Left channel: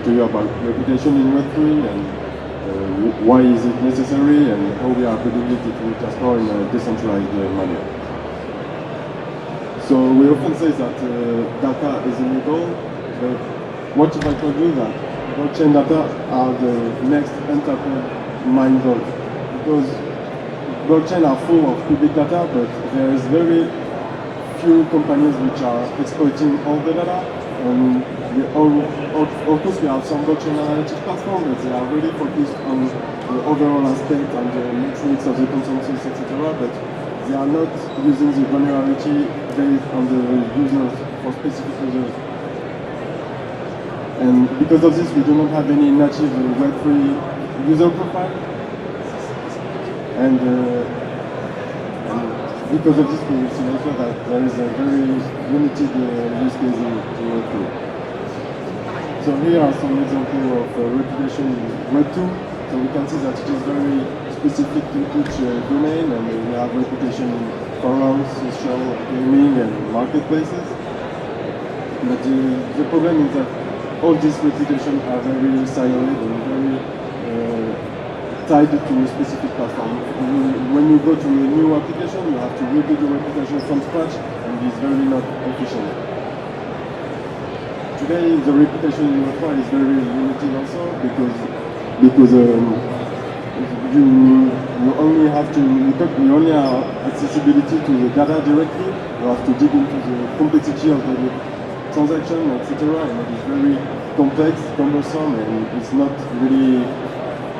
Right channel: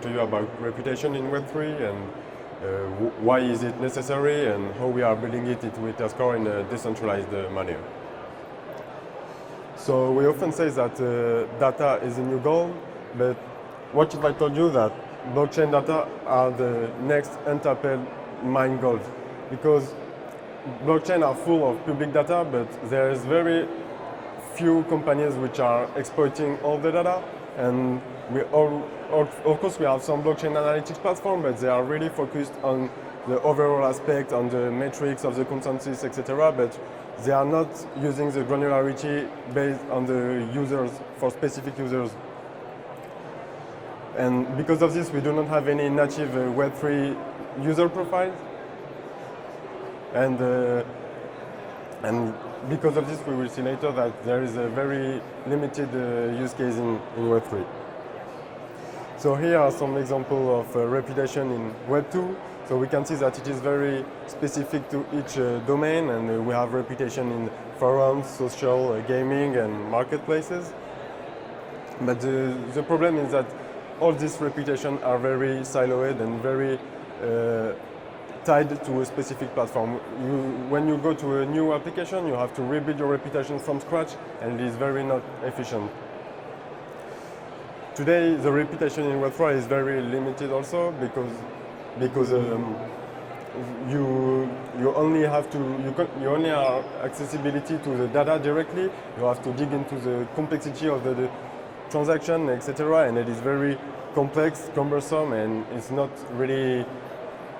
talk to you about reputation in Web3 and why is it necessary and how we are putting it into EtherScore in a decentralized manner. So we often say that data is illegal, but what if I told you that blockchain data are the next untapped mine gold? Because blockchain are full of public data, but there is very few companies which are exploiting all the data. And of course, we have some blockchain analytics platforms, but they are really focused on the overall aspect, on the metrics of the consensus, etc. But they are not using the granularity based on the users for specific users. And because of this, we do not have any native Web3 user profile. And because of this, we will see later that there is a very limited use case in Web3. So here are some examples of reputation in Web2. So we can see that it is very specific to each domain, and we have reputation in forums, social, gaming, and marketplaces. But the problem is that all these reputations are very siloed and very tied to a specific platform. When you go to a new application, you have to rebuild your reputation from scratch, and it's very not efficient. Today, the reputation in Web3 is very limited also because you only have accessibility to the data directly. You have to dig into the complexity of the transaction, etc. And it is very complex, cumbersome, and it's not really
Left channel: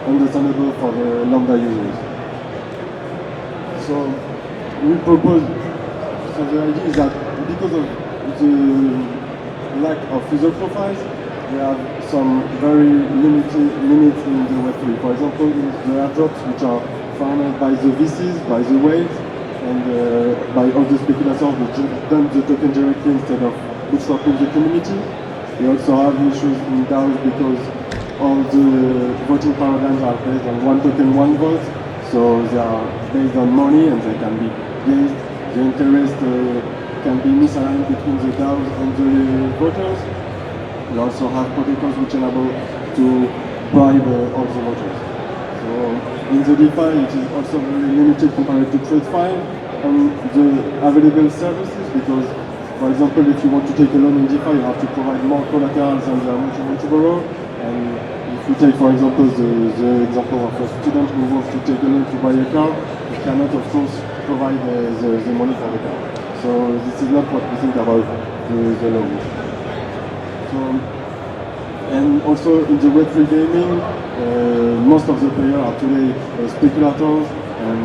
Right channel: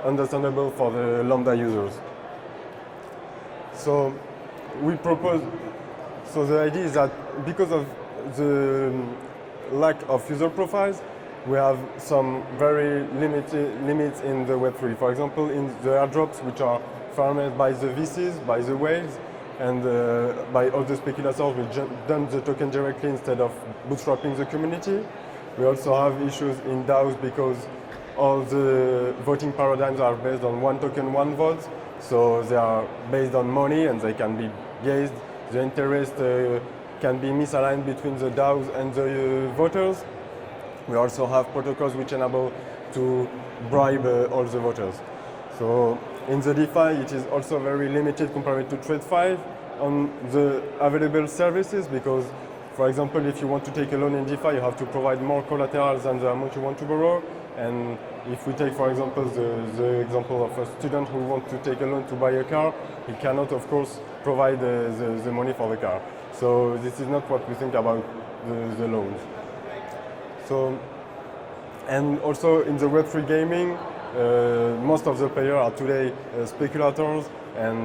understandable for the Lambda users. So we propose, so the idea is that because of the lack of user profiles, we have some very limited limits in the Web3. For example, in the airdrops, which are funded by the VCs, by the whales, and by all the speculators which dump the token directly instead of bootstrapping the community. We also have issues in DAOs because all the voting paradigms are based on one token, one vote. So they are based on money and they can be gauged. The interest can be misaligned between the DAOs and the voters. We also have protocols which enable to bribe all the voters. So in the DeFi, it is also very limited compared to TradeFi on the available services because, for example, if you want to take a loan in DeFi, you have to provide more collateral than the amount you want to borrow. And if you take, for example, the example of a student who wants to take a loan to buy a car, he cannot, of course, provide the money for the car. So this is not what we think about the loan. So, and also in the Web3 gaming, most of the players are today speculators, and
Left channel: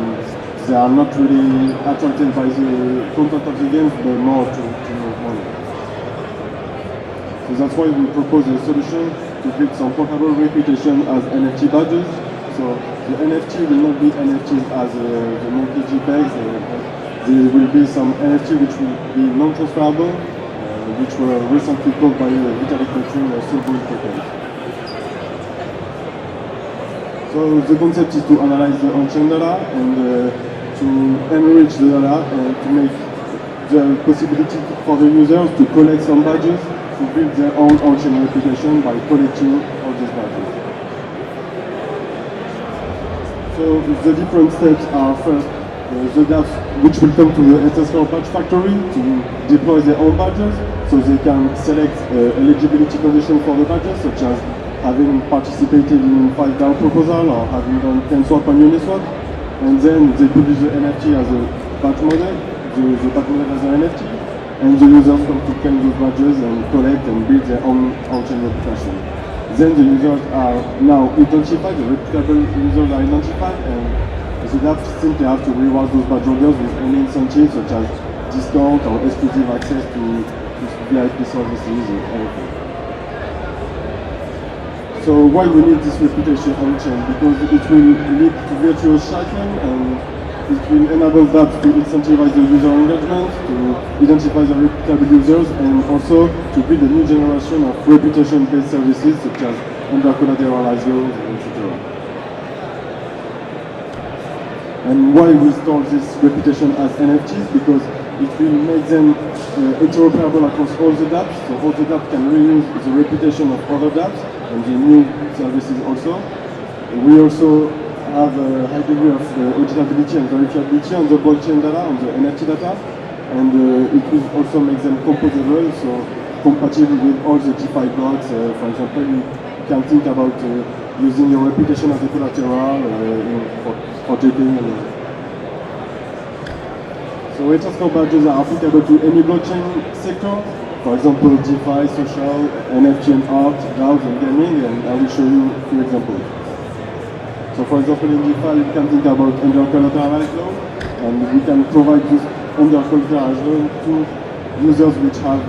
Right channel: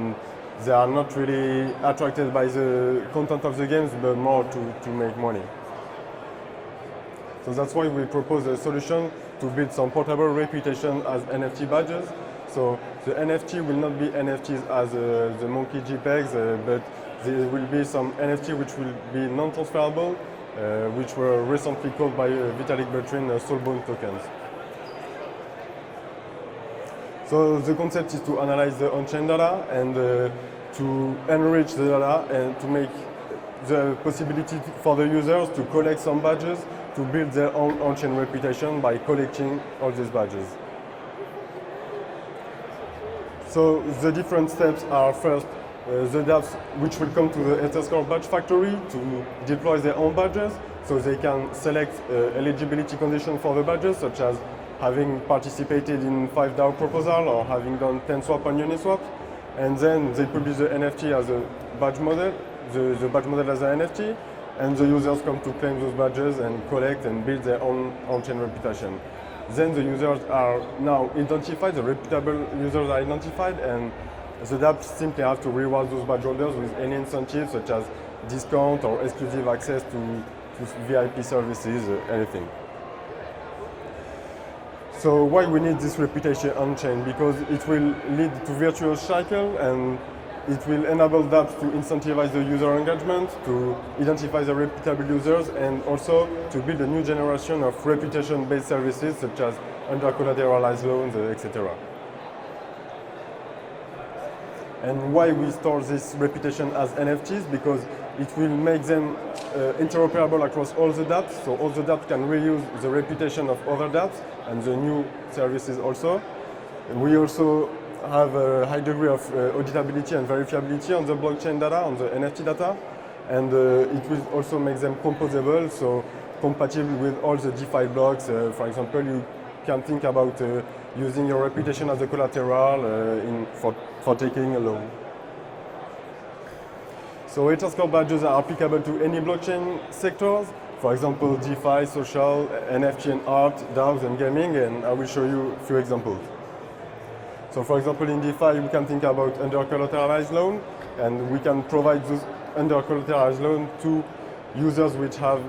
they are not really attracted by the content of the games, but more to make money. So that's why we propose a solution to build some portable reputation as NFT badges. So the NFT will not be NFTs as the monkey JPEGs, but there will be some NFT which will be non-transferable, which were recently called by Vitalik Buterin soulbound tokens. So the concept is to analyze the on-chain data and to enrich the data and to make the possibility for the users to collect some badges to build their own on-chain reputation by collecting all these badges. So the different steps are first the dApps which will come to the EtherScore badge factory to deploy their own badges, so they can select eligibility conditions for the badges, such as having participated in 5 DAO proposals or having done 10 swap on Uniswap, and then they publish the NFT as a badge model, the badge model as an NFT, and the users come to claim those badges and collect and build their own on-chain reputation. Then the users are now identified, the reputable users are identified, and the dApps simply have to reward those badge holders with any incentives such as discount or exclusive access to VIP services and everything. So why we need this reputation on-chain? Because it will lead to virtuous cycle and it will enable dApps to incentivize the user engagement, to identify the reputable users, and also to build a new generation of reputation-based services such as under-collateralized loans, etc. And why we store this reputation as NFTs? Because it will make them interoperable across all the dApps, so all the dApps can reuse the reputation of other dApps and the new services also. We also have a high degree of auditability and verifiability on the blockchain data, on the NFT data, and it will also make them composable, so compatible with all the DeFi blocks. For example, you can think about using your reputation as a collateral for taking. So EtherScore badges are applicable to any blockchain sector. For example, DeFi, social, NFT and art, DAOs and gaming, and I will show you a few examples. So for example, in DeFi, you can think about under-collateralized loan, and we can provide this under-collateralized loan to users which have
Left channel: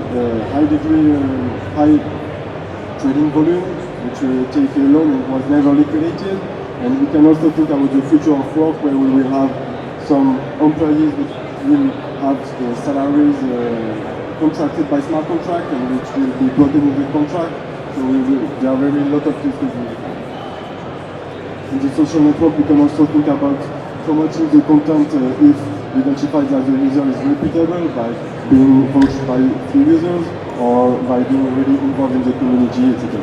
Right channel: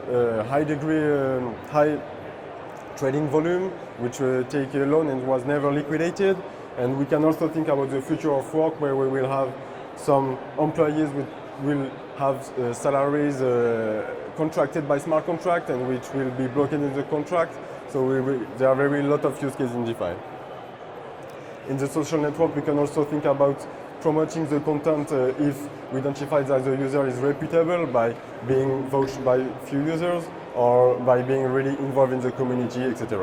high trading volume, which take a loan and was never liquidated. And we can also think about the future of work, where we will have some employees which will have salaries contracted by smart contract and which will be plugged into the contract. So there are very lot of use cases in DeFi. In the social network, we can also think about promoting the content if we identify that the user is reputable by being vouched by few users or by being really involved in the community, etc.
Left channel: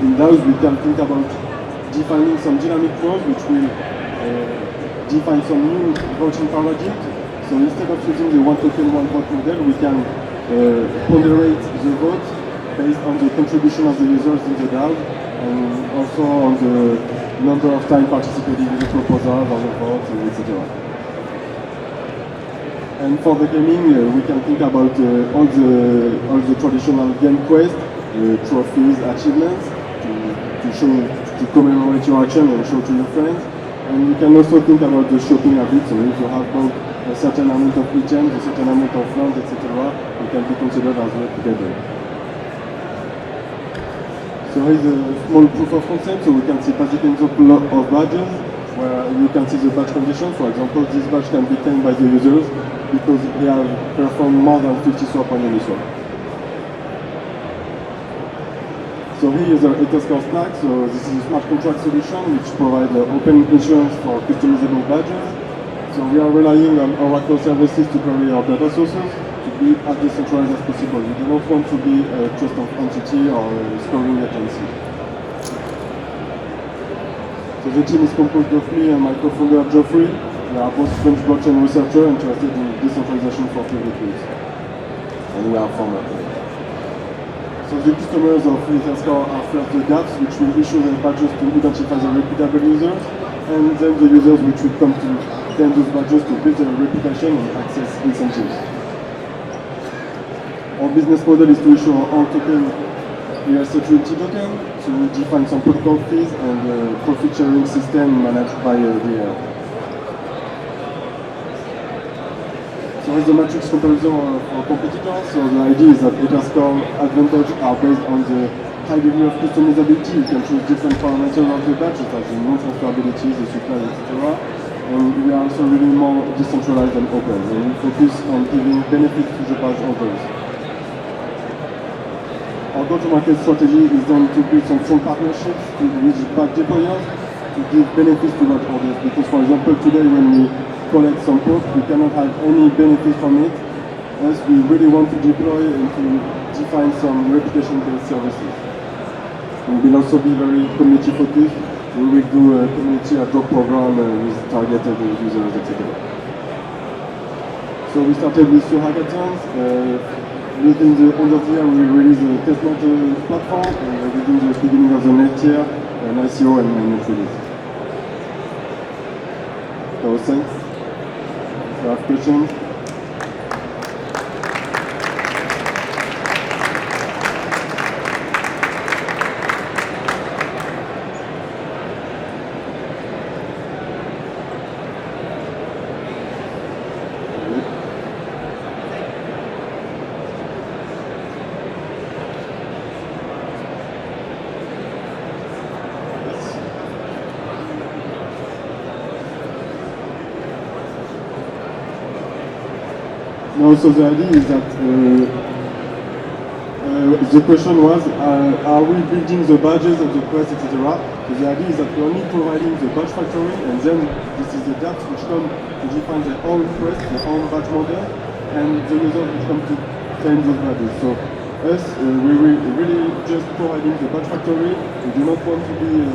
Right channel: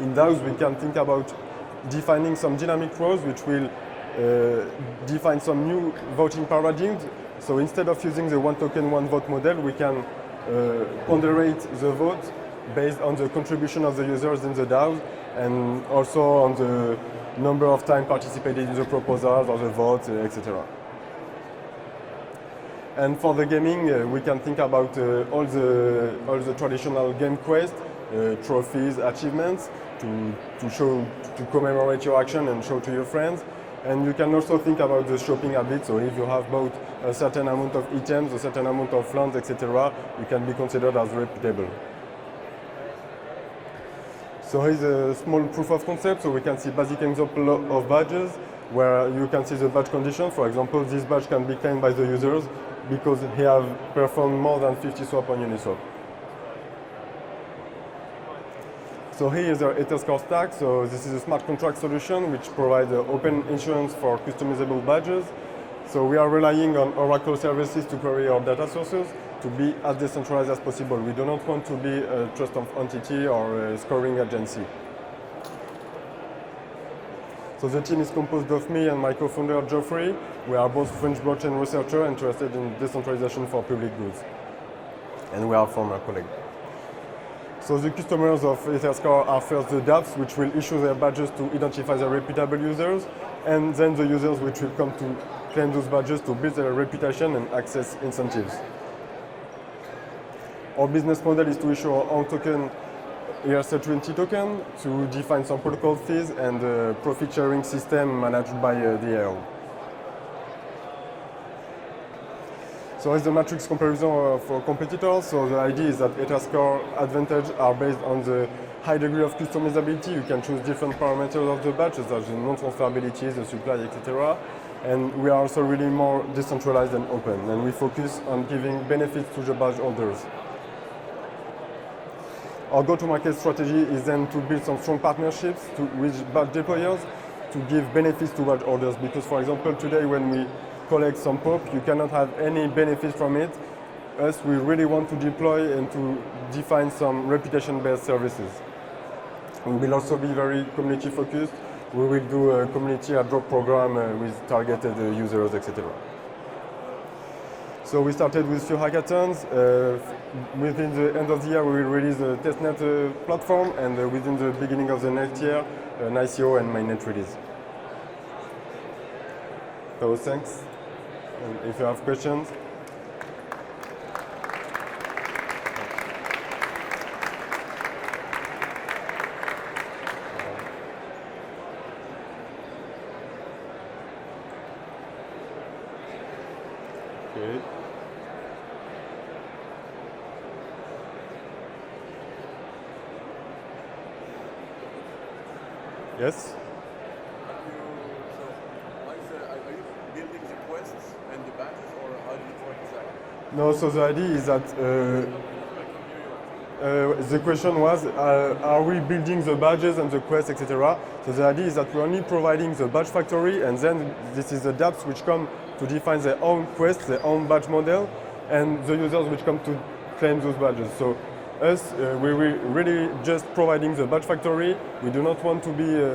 In those, we can think about defining some dynamic rules which will define some new vouching paradigms. So instead of using the one token, one vote model, we can ponderate the vote based on the contribution of the users in the DAO and also on the number of time participating in the proposals or the votes, etc. And for the gaming, we can think about all the traditional game quests, trophies, achievements to commemorate your action and show to your friends. And we can also think about the shopping habits. So if you have bought a certain amount of items, a certain amount of funds, etc., we can be considered as reputable. So here's a small proof of concept. So we can see basic example of badges, where you can see the badge conditions. For example, this badge can be claimed by the users because they have performed more than 50 swap on Uniswap. So here is the EtherScore stack. So this is a smart contract solution which provides open insurance for customizable badges. So we are relying on Oracle services to query our data sources to be as decentralized as possible. We do not want to be a trust of entity or a scoring agency. So the team is composed of me and my co-founder Geoffrey. We are both French blockchain researchers interested in decentralization for public use. And we are former colleagues. So the customers of EtherScore are first the dApps, which will issue their badges to identify the reputable users, and then the users which will come to claim those badges to build their reputation and access incentives. Our business model is to issue our own token, ERC20 token, to define some protocol fees and a profit sharing system managed by the ER. So as a matrix comparison for competitors, so the idea is that EtherScore advantage are based on the high degree of customizability. You can choose different parameters of the badge, such as the non-transferability, the supply, etc. And we are also really more decentralized and open, and we focus on giving benefits to the badge holders. Our go-to-market strategy is then to build some strong partnerships with badge deployers to give benefits to badge holders. Because, for example, today when we collect some poke, we cannot have any benefit from it. As we really want to deploy and to define some reputation-based services. We will also be very community focused. We will do a community ad hoc program with targeted users, etc. So we started with few hackathons. Within the end of the year, we released a testnet platform, and within the beginning of the next year, an ICO and mainnet release. So thanks. If you have questions. No, so the idea is that the question was, are we building the badges and the quests, etc., So the idea is that we're only providing the batch factory, and then this is the dApps which come to define their own quest, their own batch model, and the users which come to claim those badges. So us, we really just providing the batch factory. We do not want to be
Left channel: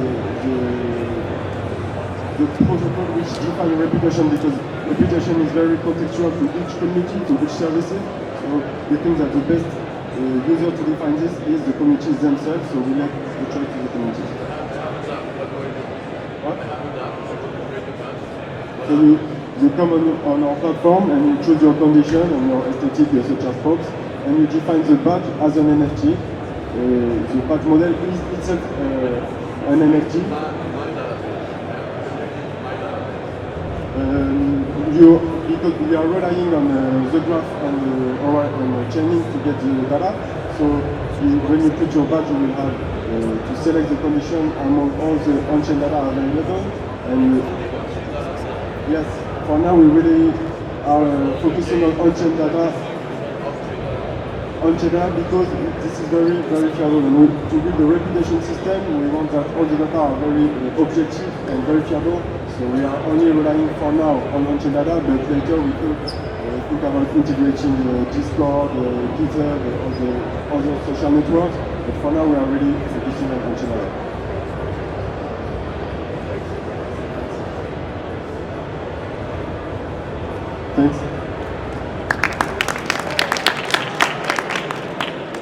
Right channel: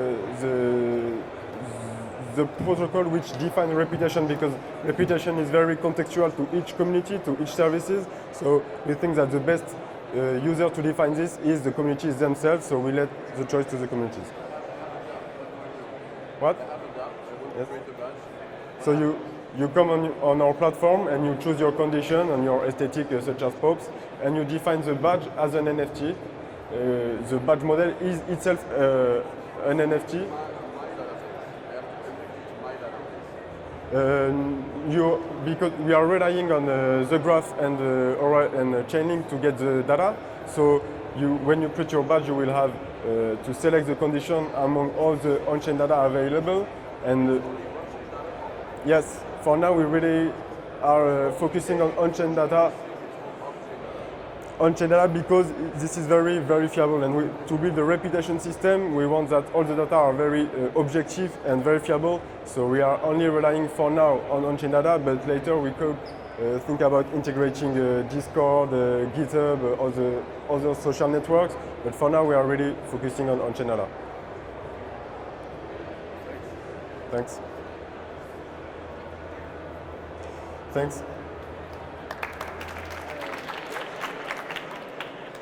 the protocol which define reputation, because reputation is very contextual to each community, to each services. So we think that the best user to define this is the communities themselves, so we let the choice to the communities. What? So you come on our platform and you choose your condition and your aesthetic such as props, and you define the badge as an NFT. The badge model is itself an NFT. Because we are relying on the graph and chaining to get the data. So when you create your badge, you will have to select the condition among all the on-chain data available. And yes, for now we really are focusing on on-chain data. Because this is very, very fiable, and to build a reputation system, we want that all the data are very objective and very fiable. So we are only relying for now on on-chain data, but later we could think about integrating Discord, GitHub, all the other social networks. But for now, we are really focusing on on-chain data. Thanks. Thanks.